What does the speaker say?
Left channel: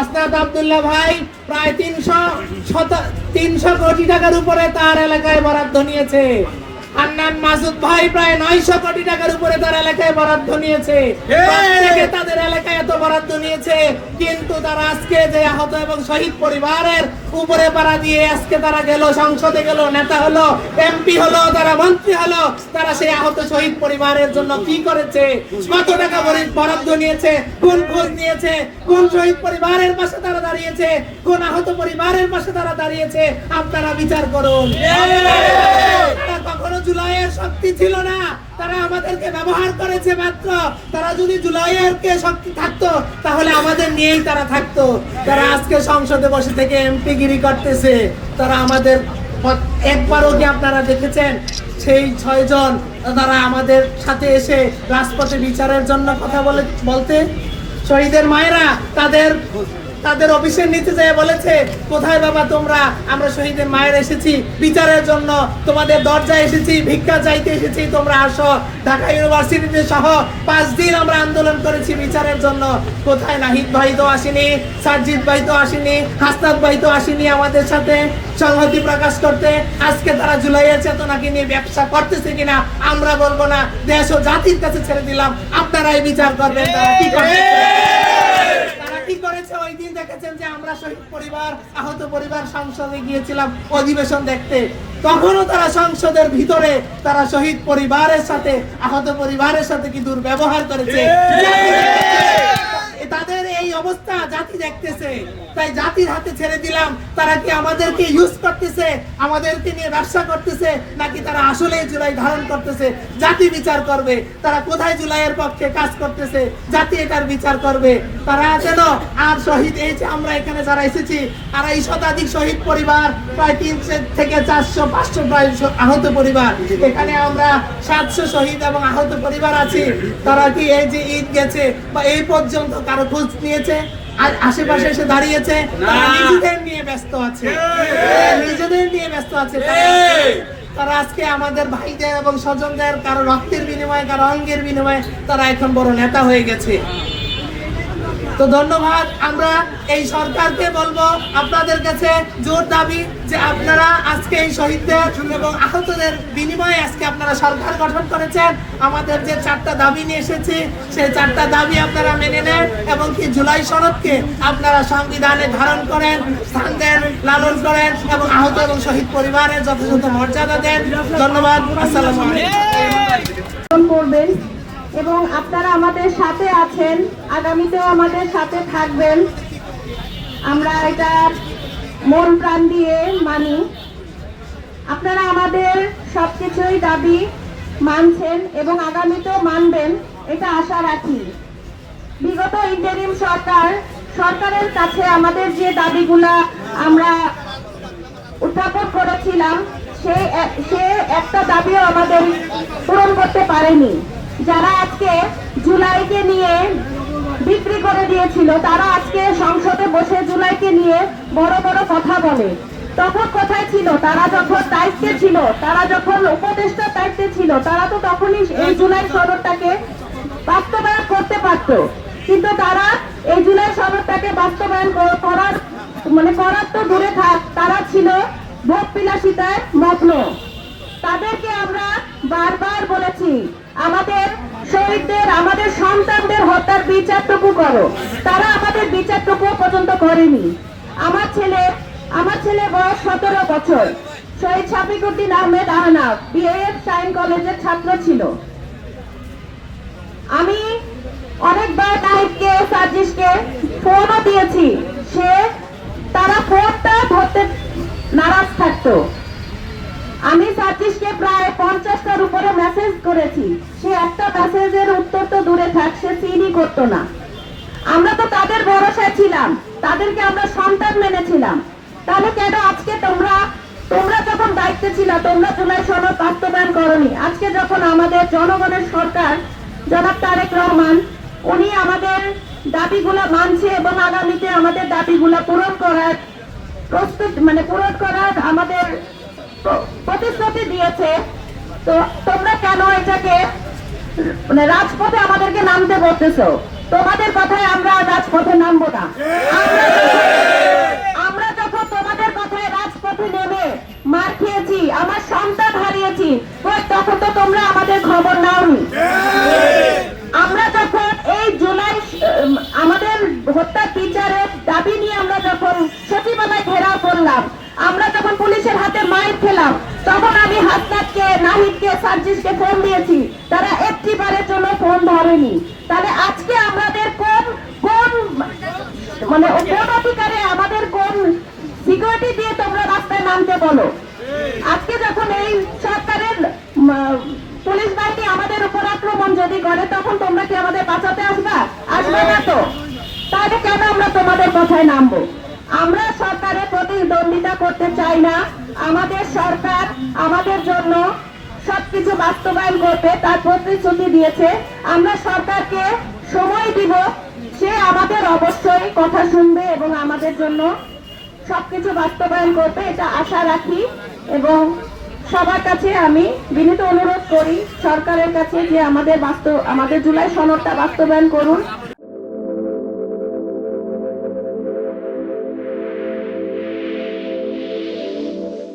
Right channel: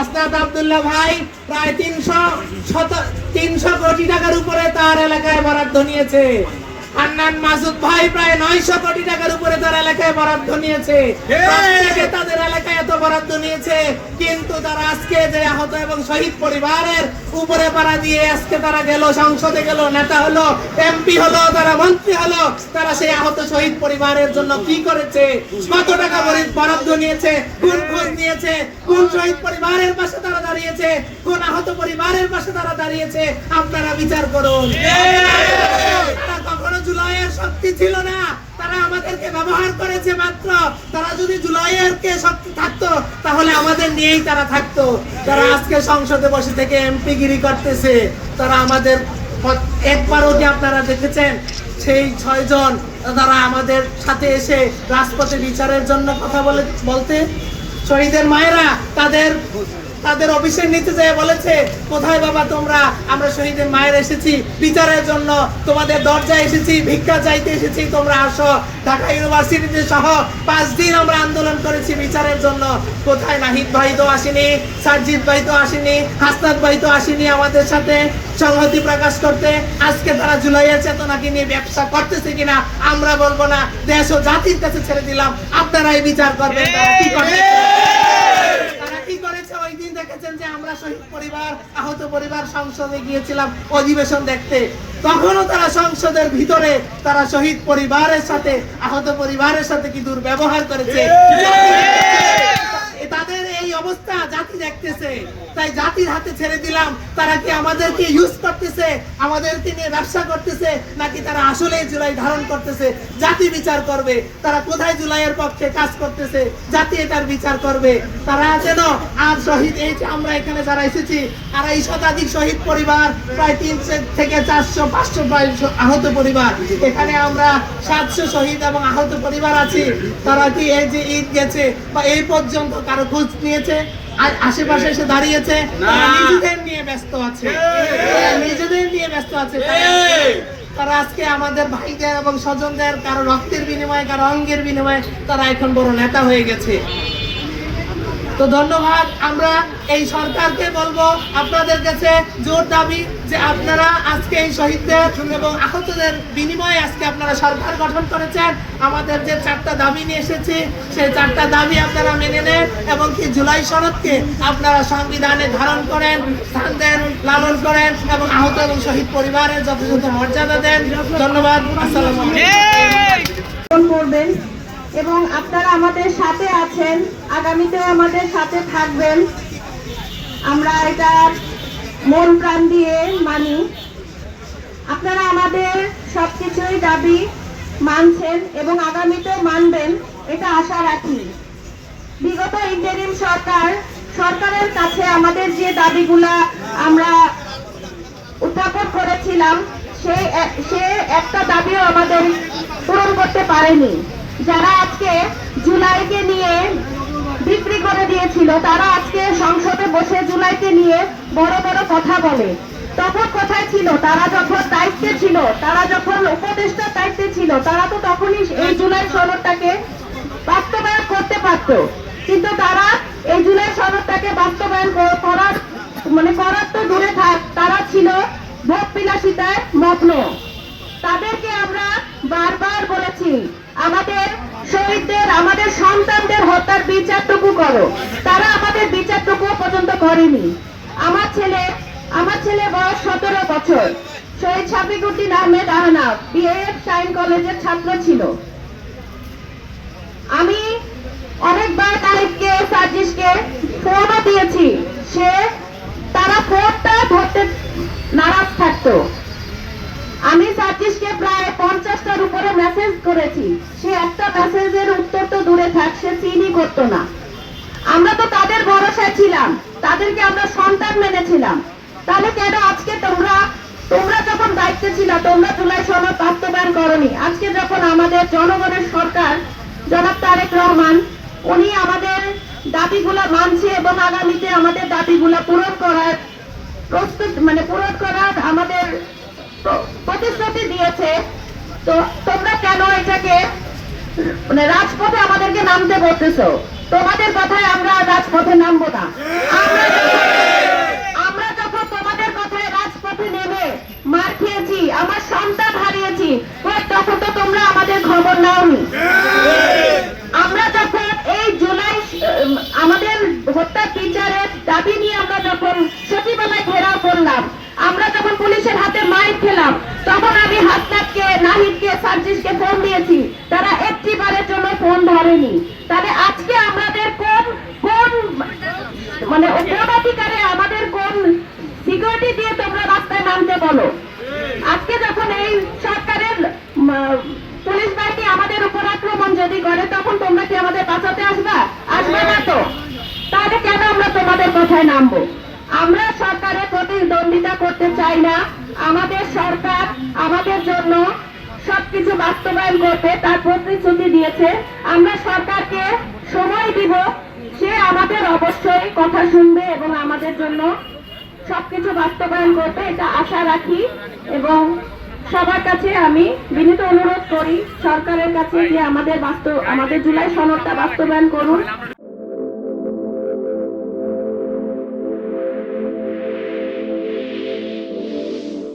হাসনাত আব্দুল্লাহ ভাই প্রায় 300 কোটি টাকার উপরে তার এলাকায় বরাদ্দ নিয়েছে। হান্নান মাসুদ ভাই প্রায় 900 কোটি টাকার উপরে তার এলাকায় বরাদ্দ নিয়েছে। প্রত্যেকে তাদের এলাকায় এত বরাদ্দ নিয়েছে, কিন্তু তারা আজকে যে আহত এবং শহীদ পরিবারের উপরে পাড়া দিয়ে আজকে তারা গেল, সংসদে গেল, নেতা হলো, এমপি হলো, তারা মন্ত্রী হলো, তারা সেই আহত শহীদ পরিবারের জন্য কি করেছে, কত টাকা বরাদ্দ নিয়েছে, কোন খোঁজ নিয়েছে, কোন শহীদ পরিবারের পাশে তারা দাঁড়িয়েছে, কোন আহত পরিবারের পাশে তারা দাঁড়িয়েছে, আপনারা বিচার করুন। কখনো জুলাইয়ের শক্তি ছিল না, তারা আমাদেরকে ব্যবহার করেছে মাত্র। তারা যদি জুলাইয়ের কে শক্তি থাকতো তাহলে আমাদের নিয়েই তারা থাকতো। তারা আজকে সংসদে বসে থেকে এমপি গিরি করতেছে। তারা আমাদের একবারও কি আপনারা দেখেছেন সেই 6 জন তারা আমাদের সাথে এসে রাজপথে বিচারের জন্য কথা বলতে শহীদের মায়েরা তাদের অফিসের নিচে যেয়ে বলেছে, কোথায় বাবা তোমরা, আমরা শহীদের মায়ের এসেছি বিচারের জন্য, তোমাদের দরজায় এসেছি, ভিক্ষা চাইতে এসেছি, তোমরা আসো। ঢাকা ইউনিভার্সিটিতে সহ 5 দিন আমরা আন্দোলন করেছি বিচারের জন্য। কোথায় নাহিদ ভাই তো আসেনি, সাজিদ ভাই তো আসেনি, হাসনাত ভাই তো আসেনি আমাদের সাথে সংহতি প্রকাশ করতে। আজকে তারা জুলাইয়ের চেতনাকে নিয়ে ব্যবসা করতেছে কিনা আমরা বলবো না, দেশ ও জাতির কাছে ছেড়ে দিলাম, আপনারাই বিচার করবেন। কি করেছে ওই দিন দেখেছেন যে আমরা শহীদ পরিবার, আহত পরিবার সংসদে গিয়েছিলাম অধিবেশন দেখতে, তখনও তারা সংসদের ভিতরে তারা শহীদ পরিবারের সাথে, আহত পরিবারের সাথে কি দুর্ব্যবহার করেছে। তাদের এই অবস্থা জাতি দেখতেছে, তাই জাতির হাতে ছেড়ে দিলাম। তারা কি আমাদেরকে ইউজ করতেছে, আমাদেরকে নিয়ে ব্যবসা করতেছে, নাকি তারা আসলেই জুলাই ধারণ করতেছে? জাতি বিচার করবে তারা কোথায় জুলাইয়ের পক্ষে কাজ করতেছে, জাতি এটার বিচার করবে। তারা যেন আর শহীদ, এই যে আমরা এখানে যারা এসেছি 250 শতাধিক শহীদ পরিবার, প্রায় 300 থেকে 400 500 প্রায় আহত পরিবার, এখানে আমরা 700 শহীদ এবং আহত পরিবার আছি। তারা কি এই যে ঈদ গেছে বা এই পর্যন্ত কারো খোঁজ নিয়েছে? আর আশেপাশে এসে দাঁড়িয়েছে, নিজেদের নিয়ে ব্যস্ত আছে, নিজেদের নিয়ে ব্যস্ত আছে। তারা আজকে আমাদের ভাইদের এবং স্বজনদের কারো রক্তের বিনিময়ে, কারো অঙ্গের বিনিময়ে তারা এখন বড় নেতা হয়ে গেছে। তো ধন্যবাদ। আমরা এই সরকারকে বলবো, আপনাদের কাছে জোর দাবি যে আপনারা আজকে এই শহীদদের এবং আহতদের বিনিময়ে আজকে আপনারা সরকার গঠন করেছেন। আমাদের যে 4টা দাবি নিয়ে এসেছি সেই 4টা দাবি আপনারা মেনে নেন এবং কি জুলাই সনদকে আপনারা সংবিধানে ধারণ করেন, স্থান দেন, লালন করেন এবং আহত এবং শহীদ পরিবারের যথাযথ মর্যাদা দেন। ধন্যবাদ। আসসালামু আলাইকুম। এবং আপনারা আমাদের সাথে আছেন, আগামীতেও আমাদের সাথে থাকবেন, আমরা এটা মন প্রাণ দিয়ে মানি। আপনারা আমাদের সবকিছুই দাবি মানছেন এবং আগামীতেও মানবেন, এটা আশা রাখি। বিগত ইন্টারিম সরকারের কাছে আমাদের যে দাবিগুলা আমরা উত্থাপন করেছিলাম সে একটা দাবিও আমাদের পূরণ করতে পারেনি। যারা আজকে জুলাইকে নিয়ে বিক্রি করে দিয়েছিল, তারা আজকে সংসদে বসে জুলাইকে নিয়ে বড় বড় কথা বলে। তখন কোথায় ছিল তারা? যখন দায়িত্বে ছিল, তারা যখন উপদেষ্টার দায়িত্বে ছিল, তারা তো তখনই এই জুলাই সনদটাকে বাস্তবায়ন করতে পারত। কিন্তু তারা এই জুলাই সনদটাকে বাস্তবায়ন করার তো দূরে থাক, তারা ছিল ভোট বিলাসিতায় মগ্ন। তাদেরকে আমরা বারবার বলেছি, আমাদের শহীদদের, আমাদের সন্তানদের হত্যার বিচারটুকু করো। তারা আমাদের বিচারটুকু পর্যন্ত করেনি। আমার ছেলে বয়স 17 বছর, শহীদ শাফিকুদ্দিন আহমেদ আহনাফ বিএএফ সাইন কলেজের ছাত্র ছিল। আমি অনেকবার তারিখকে, সাজিশকে ফোনও দিয়েছি, তারা ফোনটা ধরতে নারাজ থাকতো। আমি সাজিশকে প্রায় 50টার উপরে মেসেজ করেছি, সে একটা মেসেজের উত্তর তো দূরে থাক, সে সিনই করতো না। আমরা তো তাদের ভরসায় ছিলাম, তাদেরকে আমরা সন্তান মেনেছিলাম। তাহলে কেন আজকে তোমরা যখন দায়িত্বে ছিল, তোমরা জুলাই সনদ বাস্তবায়ন করনি? আজকে যখন আমাদের জনগণের সরকার জনাব তারেক রহমান, উনি আমাদের দাবিগুলা মানছে এবং আগামীতে আমাদের দাবিগুলা পূরণ করার আমাদের প্রতিশ্রুতি দিয়েছে, তো তোমরা কেন এটাকে রাজপথে আমাদেরকে নামতে বলতেছো? তোমাদের কথায় আমরা রাজপথে নামবো না। বিচারের দাবি নিয়ে আমরা যখন সচিবালয় ঘেরাও করলাম, আমরা যখন পুলিশের হাতে মাইর খেলাম, তখন আমি হাসনাতকে, নাহিদকে, সার্জিসকে ফোন দিয়েছি, তারা একটি বারের জন্য ফোন ধরেনি। তাহলে আজকে আমাদের কোন কোন মানে কোন অধিকারে, আমাদের কোন সিকিউরিটি দিয়ে তোমরা রাস্তায় নামতে বলো? আজকে যখন এই সরকারের পুলিশ বাহিনী আমাদের উপর আক্রমণ যদি করে, তখন তোমরা কি আমাদের বাঁচাতে আসবা? আসবে না তো। তাহলে কেন আমরা তোমাদের কোথায় নামবো? আমরা সরকারের প্রতিদ্বন্দ্বিতা করতে চাই না। আমাদের সরকার আমাদের জন্য সবকিছু বাস্তবায়ন করবে, তার প্রতিশ্রুতি দিয়েছে। আমরা সরকারকে সময় দিব, সে আমাদের অবশ্যই কথা শুনবে এবং আমাদের জন্য সবকিছু বাস্তবায়ন করবে, এটা আশা রাখি। এবং সবার কাছে আমি বিনীত অনুরোধ করি সরকারের কাছে যে আমাদের জুলাই সনদটা বাস্তবায়ন করুন।